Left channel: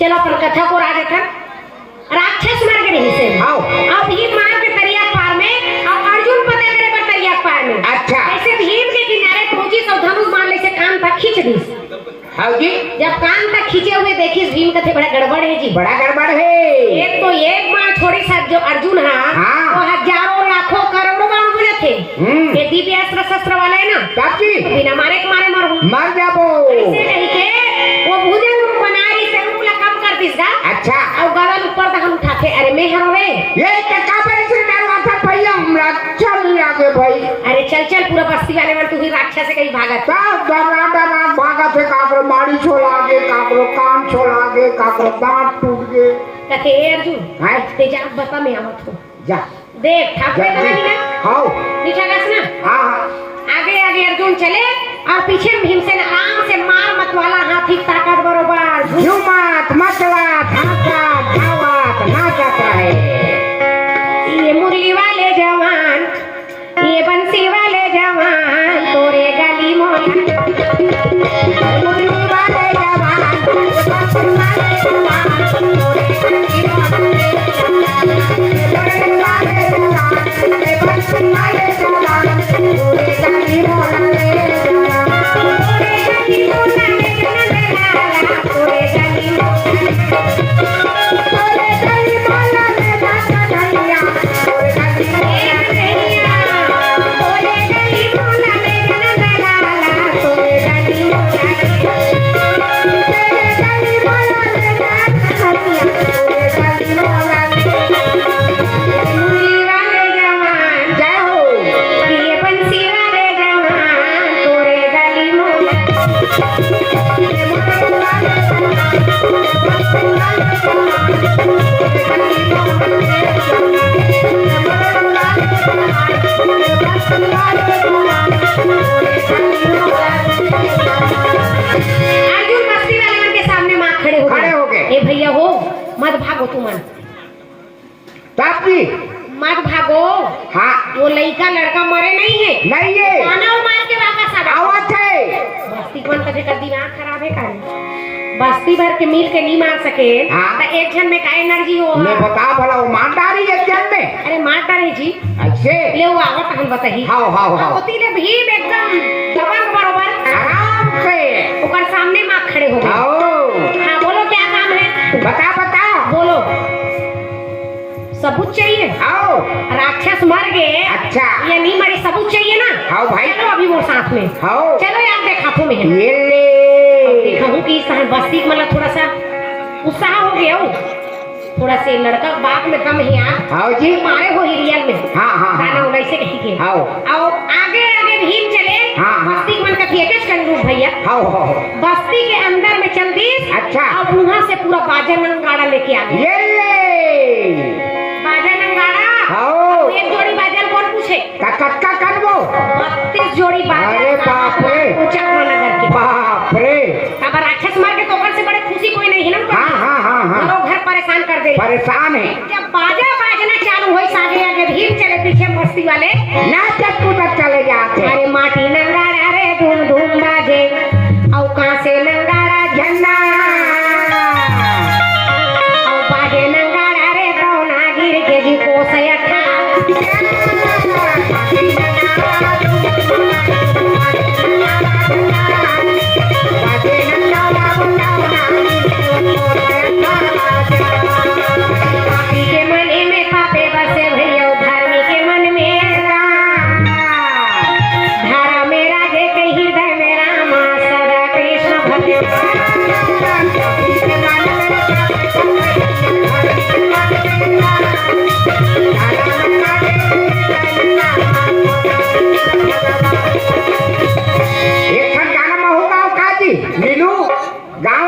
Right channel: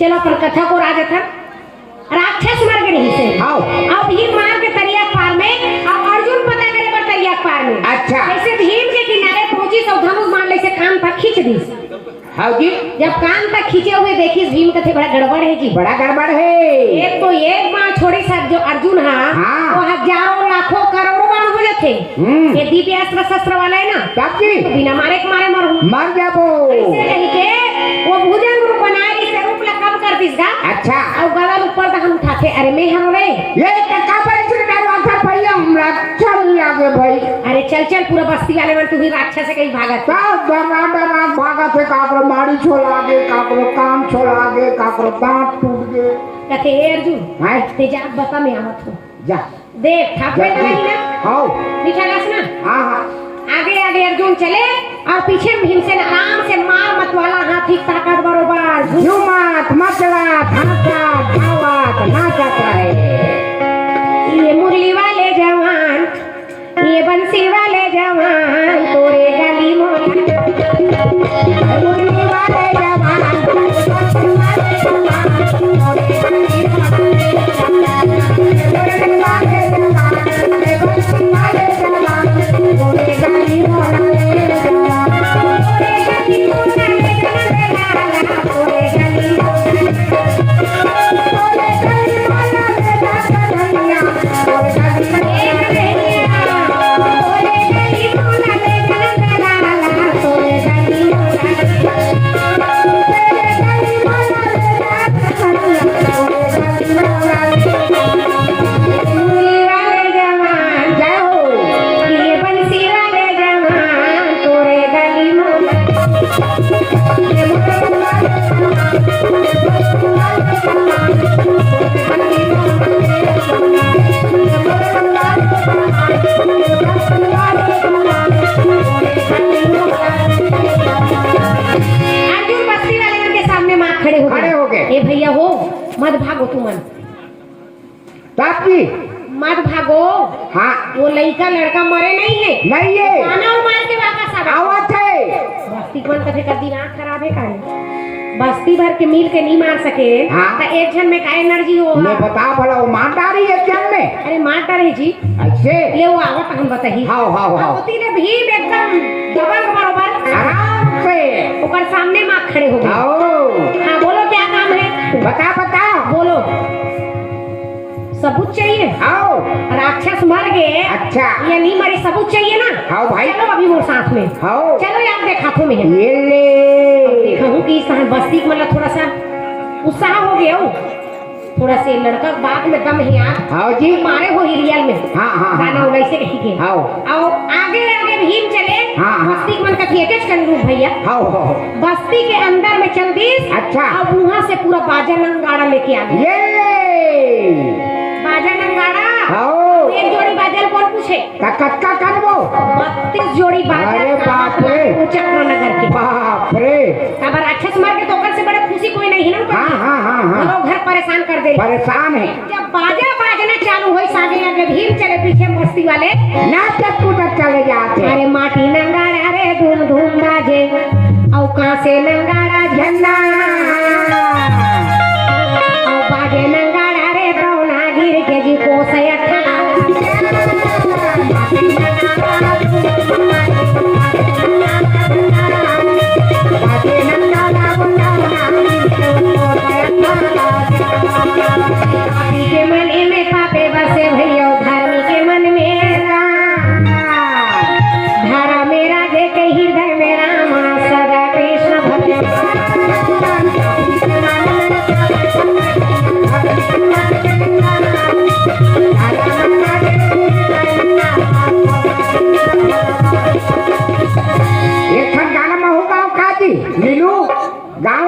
चलो अपन कथा को राजा था राक्षस मार के नहीं से अब भीम मार के तरिया पार में अब अर्जुन पता करे पर तरिया पार में। अच्छा ऐसे भीम के किनारे पहुंची सब धनुष मार ले से कान तक खींच दी। हाँ जी जब कान तक खींचे हुए देखी भीम कथे बड़ा गड़बड़ है जी, बड़ा गड़बड़ है। एक तो एक बार छोड़ी सब जो अर्जुन हाँ वो हजारों लाखों करोड़ों बाण बोले थे ये दिव्य अस्त्र शस्त्र वाले है ना काफी बिना मारे के मारे मर जाबो ऐसे नहीं के वो भुजंग रूप बनाई से रूप ला कम कर दिस गा। अच्छा और गला ऊपर तक हम उठाते अरे मैं हरो रे ये टका पर से डरवा था भैया हमरा चल लागे भाई। अरे चल चल पूरा बस्ती वाले मन तू भी राक्षस से कहीं भागत का डरा डरा भागत है काकरो मारी छोला गे काकरो कान छोला गे काकरो दांत टूट गए कथे अर्जुन हां ते जा बता मैं आवत हूं जा देख ठाकुर नहीं ना हां मीठा गास ना हां हां आगे आगे अर्जुन चले और पीछे भीमसेन आराम से मार मत वाला हाथी ताकत बरोबर झुमत मचला धाका धावत नाचत रहे। ये मुरली वाले जवान ये बंसी वाले जवान तोरे गली मोहल्ला मुरली वाले जवान बंसी वाले जवान तोरे गली मत भागो तुम पापी मत भागो। हाँ वो लड़का लड़का मरे नहीं है गाना मार के वापस आ आवत है बस्ती कौन कथे कर दिमाग खराब है काहे बस्ती भर के मिल के नहीं मार सके तो एक जन में का एनर्जी हो मैं बता भला वो मार डाली एक जन में अरे मार डाली जी ऐसे ले वो आवत हम बताई हां हां हां होती ने भीम एकदम दबंग बरोबर आराम से ऊपर सामने मां खड़े हो गए। हां बोलो क्या काम है बता बता बोलो सबूत चाहिए आओ राक्षस मर गए अच्छा ये नहीं मरे सबूत चाहिए ना आओ भाई चलो अभी वो साथ में आओ चलो यार देखा तो मैं ये ले कहूं कि बस्ती मतलब थोड़ा सा उत्साह हो गया हो थोड़ा से लड़का बाप में दम है यार आओ जी मारे हो रियल में हां हां गाना वैसे कहीं के आओ आओ आगे आगे भीम चले बस्ती मन का थिएटर कर लूं भैया आओ आओ बस्ती के अंदर में चल दी अच्छा अब वहां से पूरा बाजा नंगाड़ा लेके आ गए ये ले बाजा नंगाड़ा आओ एक जोड़ी बाजा कौन पूछे कक्का करबो 32 जोड़ी बाजा अरे बाप रे चक्र नगर के बाप रे अब राक्षस मार के तो ओकर से बड़े खुशी कोई नहीं है ना हां हां हां हां घर परेशान कर दे परेशान है जब बाजा बाजना चालू होई सागे आगे भीम चले पीछे मस्ती वाले नाचत कूदत चले जाते अरे माटी नंगारा रे धूम धूम बाजे औ कहां से नंगारा झन्ना औ बाजे नंगारा रे दौना गिर के जी को सयठा के मन में पापे बसे भैया धर्मी के मन में धारा मेरा जे के हृदय में राम सदा कृष्ण भक्त एक गाना में होगा काजी नीलू गाँव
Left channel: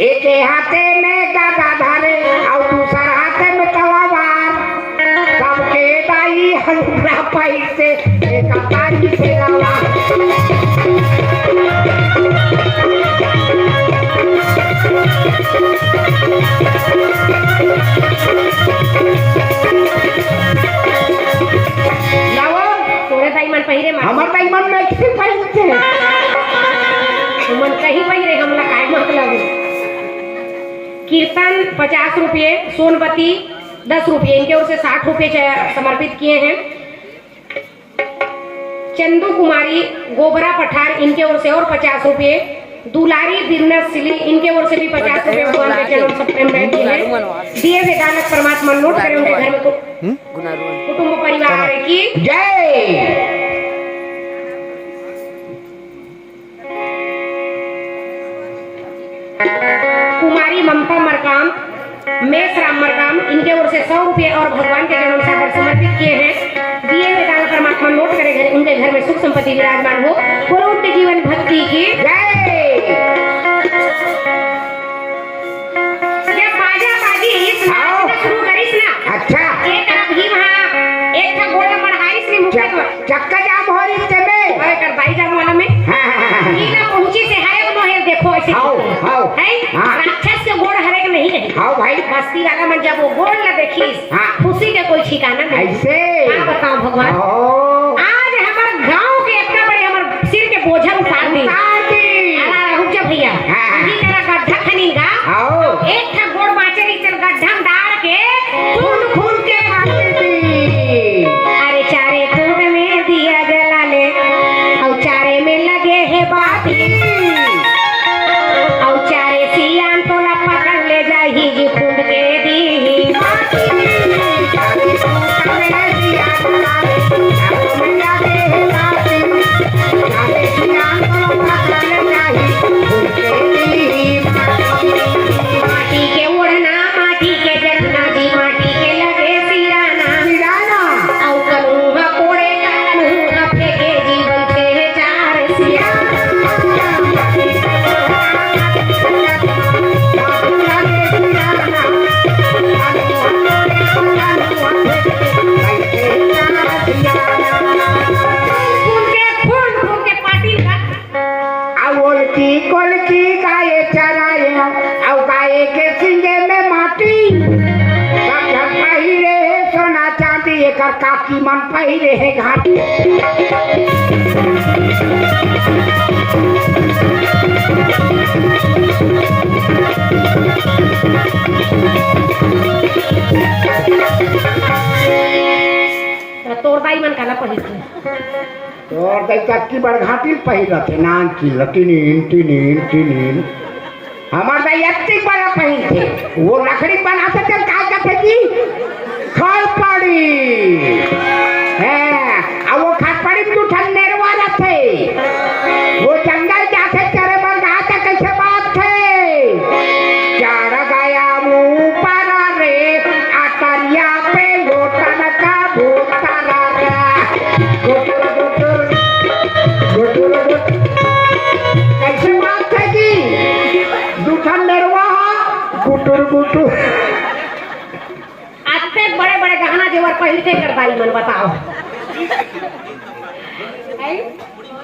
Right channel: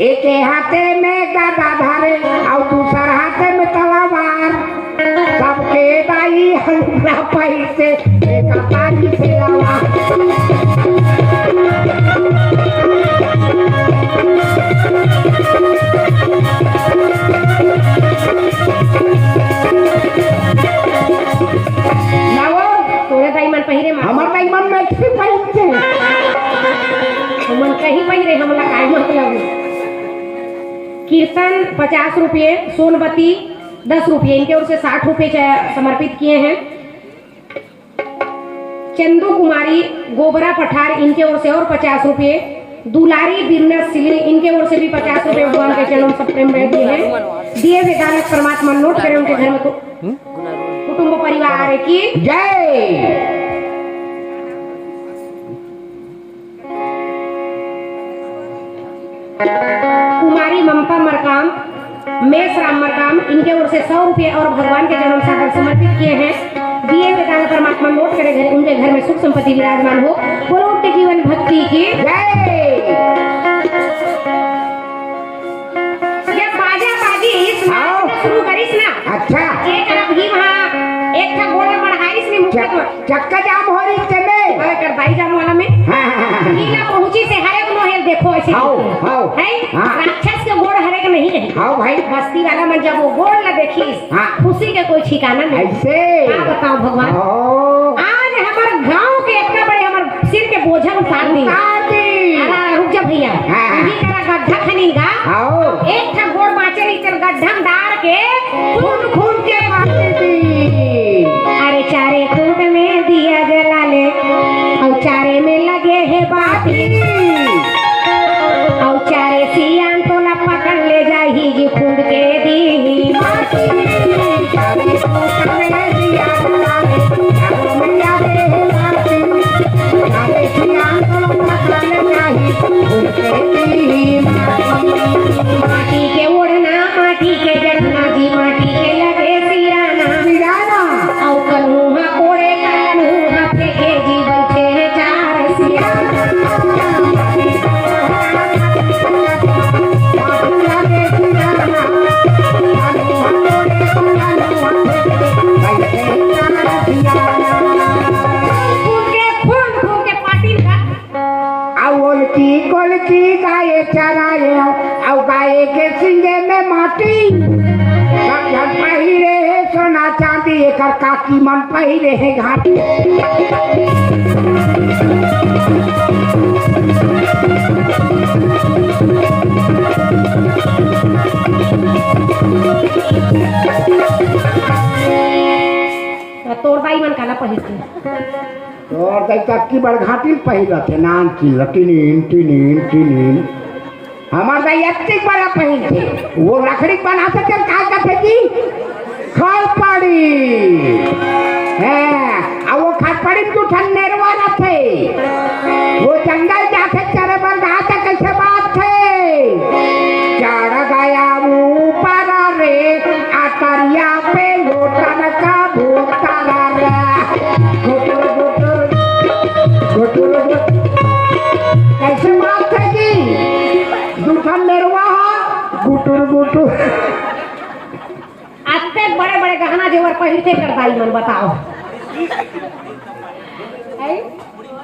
एक हाथे में गदा धारे और दूसर हाथे में तलवार सबके दाई हमरा पैसे एक तारी से आवा तोरे दाई मन पहिरे हमर दाई मन में किसी पहिरते मन कहीं पहिरे हमला काहे मतलब कीर्तन 50 रुपये, सोनबत्ती 10 रुपये, इनके ओर से 60 रुपये समर्पित किए हैं। चंदू कुमारी गोबरा पठार, इनके ओर से और 50 रुपये। दुलारी बिजनेस सिलिंग, इनके ओर से भी 50 रुपये भगवान के चरणों सब में दिए हैं। दिए विदालक परमात्मा नोट करें उनके घर में कुटुंब परिवार की जय। कुमारी ममता मरकाम, मेष राम मरकाम, इनके ओर से 100 रुपये और भगवान के जन्म सागर समर्पित किए हैं। दिए हुए दान परमात्मा नोट करे घर उनके घर में सुख संपत्ति विराजमान हो। बोलो उनके जीवन भक्ति की जय। ये बाजा बाजी इस नाच में शुरू करिस ना। अच्छा। एक तरफ ही वहाँ एक था गोला बढ़ाइस ने मुझे चक्का जाम हो रही थे में। अरे कर बाई जाम वाला में। ये ना पहुंची से हाय मोहे देखो ऐसे। हां है राक्षस के गोड़ हरे के नहीं रही। हां भाई बस्ती वाला में जब वो गोड़ ला देखिस खुशी के कोई ठिकाना नहीं। ऐसे आप बताओ भगवान। आज हमारे गांव के इतना बड़े हमारे सिर के बोझा उतार दी। रुक जा भैया। ये तेरा गड्ढा खनीगा। एक था गोड़ बाचे इस तरह गड्ढा डाल के खून खून के मारती थी। अरे चारे खून में दिया जला ले और चारे में लगे है बाती और चारे सियान तो ला पकड़ ले जाही जी खून के दी चारे खून में दिया जला ले चारों में लगे है बाती चारे सियान तो पकड़ ले जाही खून के दी माटी के ओढ़ना माटी के जरना जी माटी के लगे सिराना और कलूहा कोड़े कलूहा फेंके जी बलते हैं चार सियाना कोलकी गाये चराए और गाये के सिंगे में माटी सब पहिरे है सोना चांदी एक काकी मन पहिरे है घाटी। तोड़ बाई मन काला पहिरते और चक्की बड़ घाटी पहिरते नान की लटीनीन टीनीन टीनीन हमार दाई इतनी बड़ा पहिन थे वो लकड़ी बनाते थे क्या करते जी खड़पड़ी है और वो खड़पड़ी में तो ठंडेरवा थे वो जंगल जाते चरे बंधाते कैसे बात थे चढ़ गया ऊपर रे आटरिया पे लोटन का भूखता कैसे बात है जी दूठन मेरवा गुटुर गुटुर आते बड़े बड़े गहना जेवर पहिरते कर दाई मन बताओ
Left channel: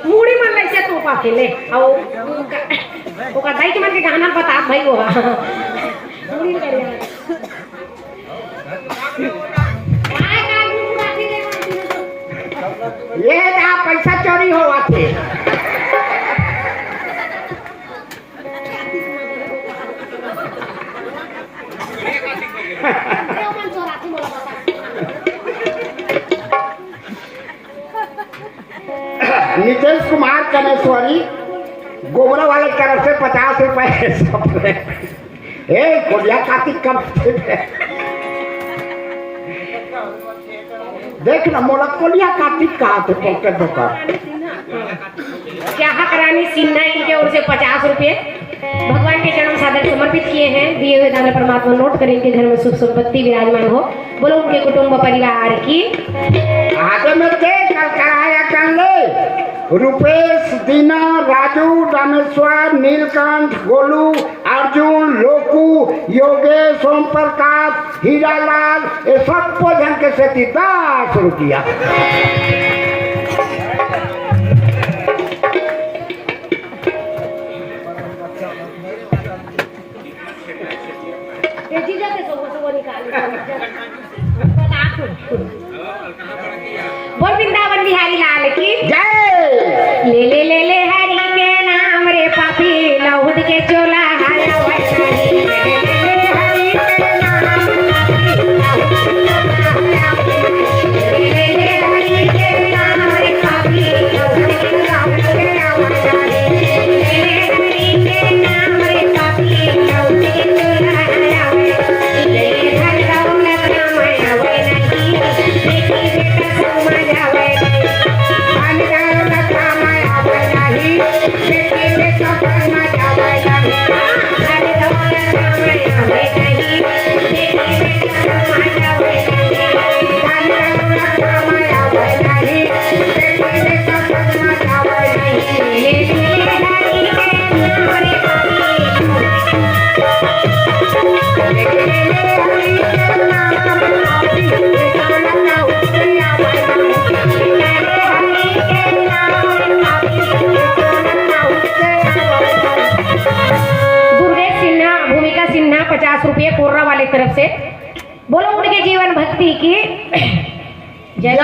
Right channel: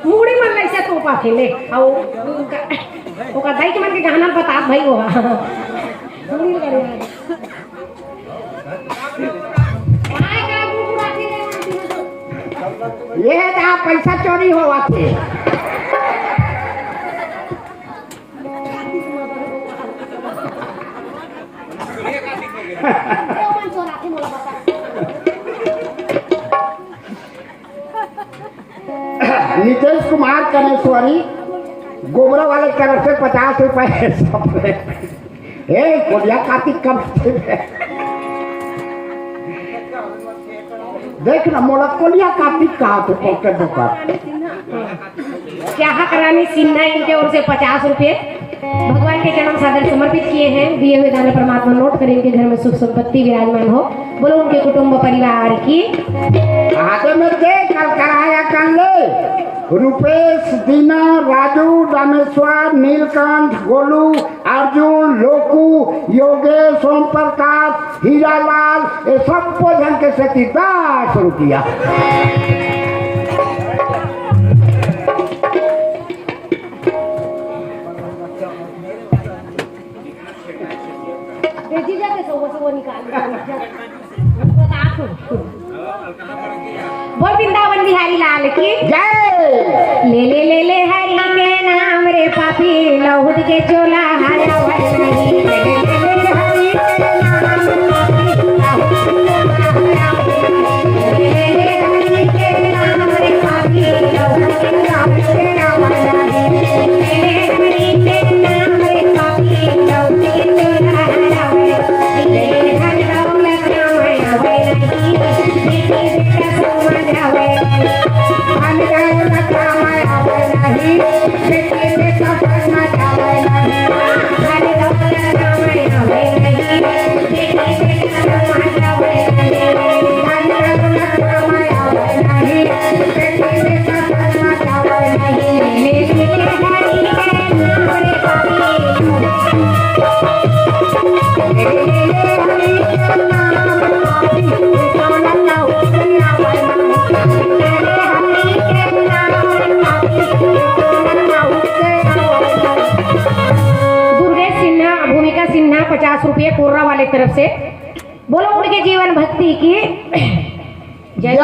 मुड़ी मन लैसे तो पाखेले औ ओका दाई के मन के गहना बता भाई वो मुड़ी करे ये दा पैसा चोरी हुआ थे नीतीश कुमार कनेश्वरी गोबरा वाले तरफ से 50 रुपए सब कोरिया कार्तिक कब देख ना मोड़ा कोलिया कार्तिक कहा थे पॉकेट दुकान क्या रानी सिन्हा इनके ओर से 50 रुपये भगवान के चरण सादर समर्पित किए हैं। दिए हुए दाना परमात्मा नोट करें इनके घर में सुख संपत्ति विराजमान हो। बोलो उनके कुटुंब परिवार की आगे में देख कराया कांले रुपेश दीना राजू रामेश्वर नीलकंठ गोलू अर्जुन लोकू योगेश ओम प्रकाश हीरालाल ये सब भोजन के से 10 रुपया बोल वृंदावन बिहारी लाल की जय। ले ले हरि के नाम रे पापी लहुट के चोला हरा पापी गाँव के आवे नहीं मेरे हरि के नाम रे पापी गाँव के आवे मेरे धन दौलत आवे आवे नहीं बेटी बेटा समझ आवे धन दौलत आवे आवे नहीं बेटी बेटा समझ आवे नहीं धन दौलत आवे आवे नहीं बेटी बेटा समझ आवे नहीं धन दौलत आवे आवे नहीं बेटी बेटा समझ आवे नहीं मेरे हरि के नाम रे पापी भूमिका सिन्हा 50 रुपये कोर्रा वाले तरफ से। बोलो उनके जीवन भक्ति की जय।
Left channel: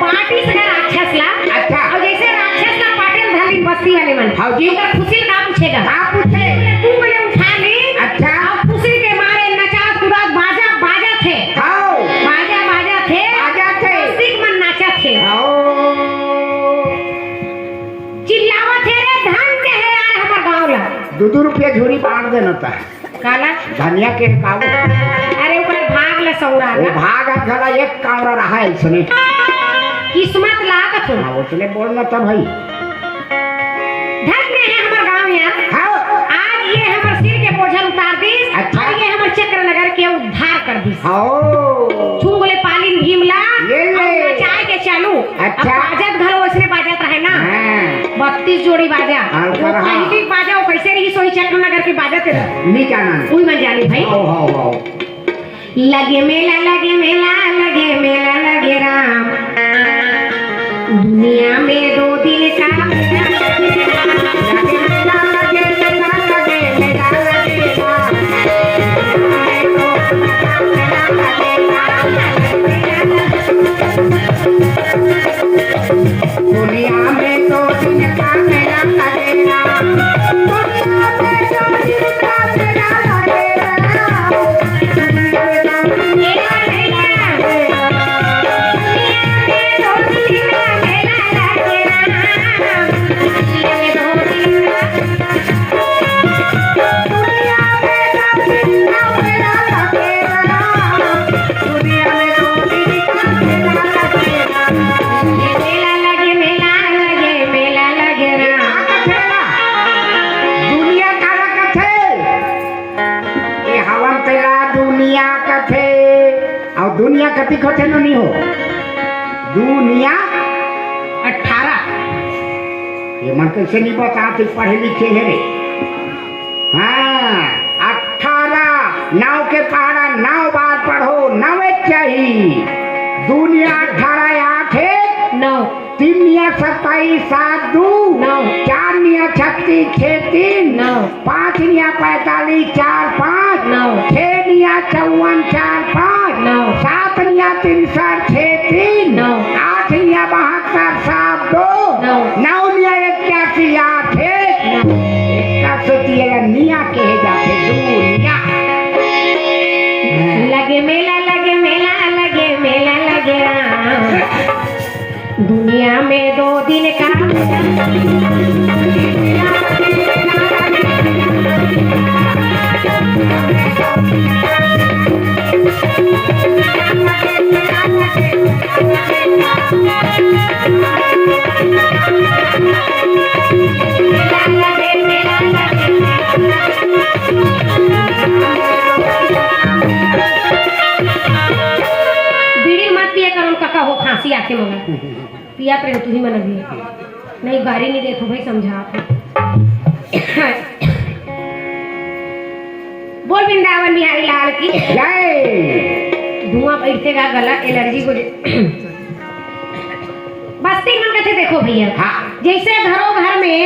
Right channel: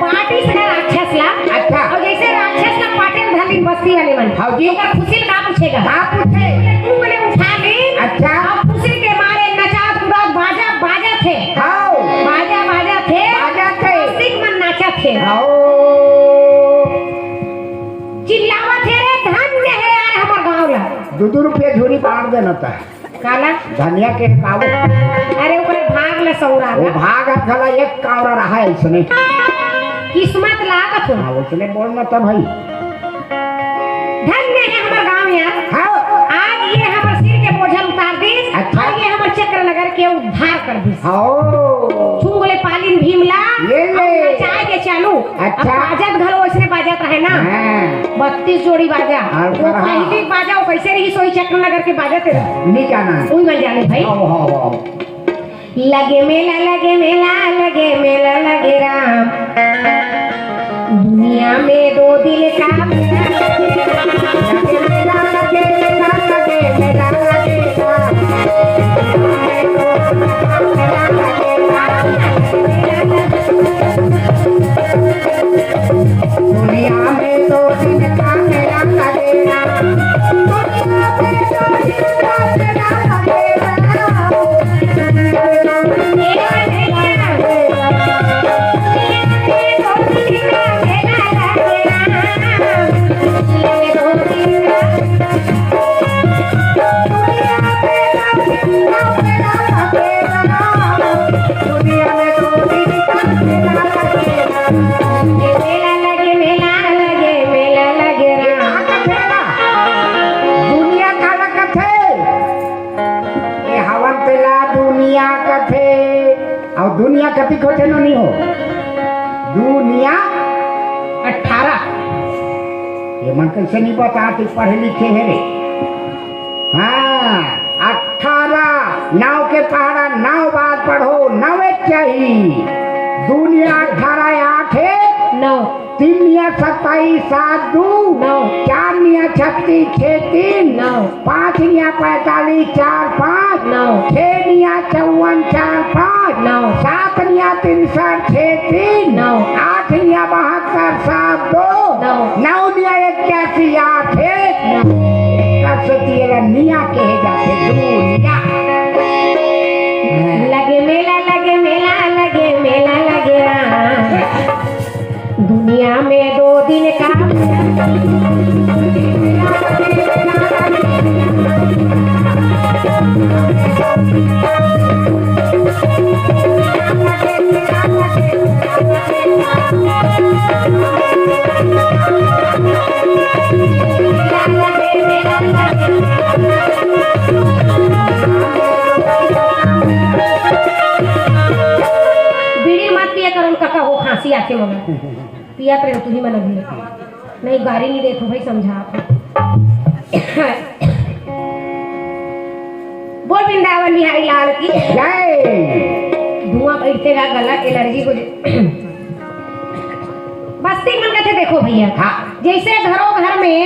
पार्टी से राक्षसला अच्छा। और जैसे राक्षस का पाटिल धाली बस्ती वाले मन हाँ जी। का फुसिल का पूछेगा हाँ पूछे तू बोले उठा ले अच्छा। और फुसिल के मारे नचात कुदात बाजा बाजा थे आओ बाजा बाजा थे बाजा थे सिख मन नाचा थे आओ चिल्लावा थे रे धन्य है यार हमार गाँव ला 2 रुपया झोरी बांट देना था काला धनिया के काव अरे ऊपर भाग ला सौरा वो भाग खला एक कावरा रहा है इसने किस्मत लागत हो उसने बोलना था भाई धन्य है हमार गाँव यार हाँ आज ये हमार सिर के बोझल उतार दीस अच्छा। और ये हमार चक्र नगर के उद्धार कर दीस आओ छुंगले पालिन भीमला ये ले। और नचाए के चालू अच्छा। अब बाजत घलो उसने बाजत रहे ना हाँ 32 जोड़ी बाजा हाँ, वो हाँ। पहली बाजा वो कैसे रही सोई चक्र नगर के बाजत रहे इन्हीं का नाम कोई मैं जानी भाई आओ आओ आओ लगे मेला लगे मेला लगे मेला लगे राम दुनिया में 2 दिन का मेला लगे मेला लगे मेला लगे मेला लगे राम दुनिया में 2 दिन का मेला लगे राम दुनिया में 2 दिन का मेला लगे दुनिया का रखत है ये हवन तेरा दुनिया का थे और दुनिया कति खोते नहीं हो दुनिया 18 ये मन कैसे नहीं बता तू पढ़े लिखे है रे हाँ 18 नाव के पहाड़ा 9 बार पढ़ो 9 चाहिए दुनिया 18 8 No. 3 निया 27 7 2 No. 4 निया 36 6 3 No. 5 निया 45 4 5 No. 6 निया 54 4 5 No. 7 निया 63 6 3 No. 8 निया 72 7 2 No. 9 निया 81 8 1 निया कहे जाते दुनिया लगे मेला लगे मेला लगे मेला लगे दुनिया में 2 दिन का बीड़ी मत पिया करो काका हो खांसी आके मगर पिया करे तू ही मन भी नहीं गाड़ी नहीं देखो भाई समझा बोल वृंदावन बिहारी लाल की जय धुआं बैठेगा गला एलर्जी को बस्ती मन कहते देखो भैया हाँ जैसे घरों घर में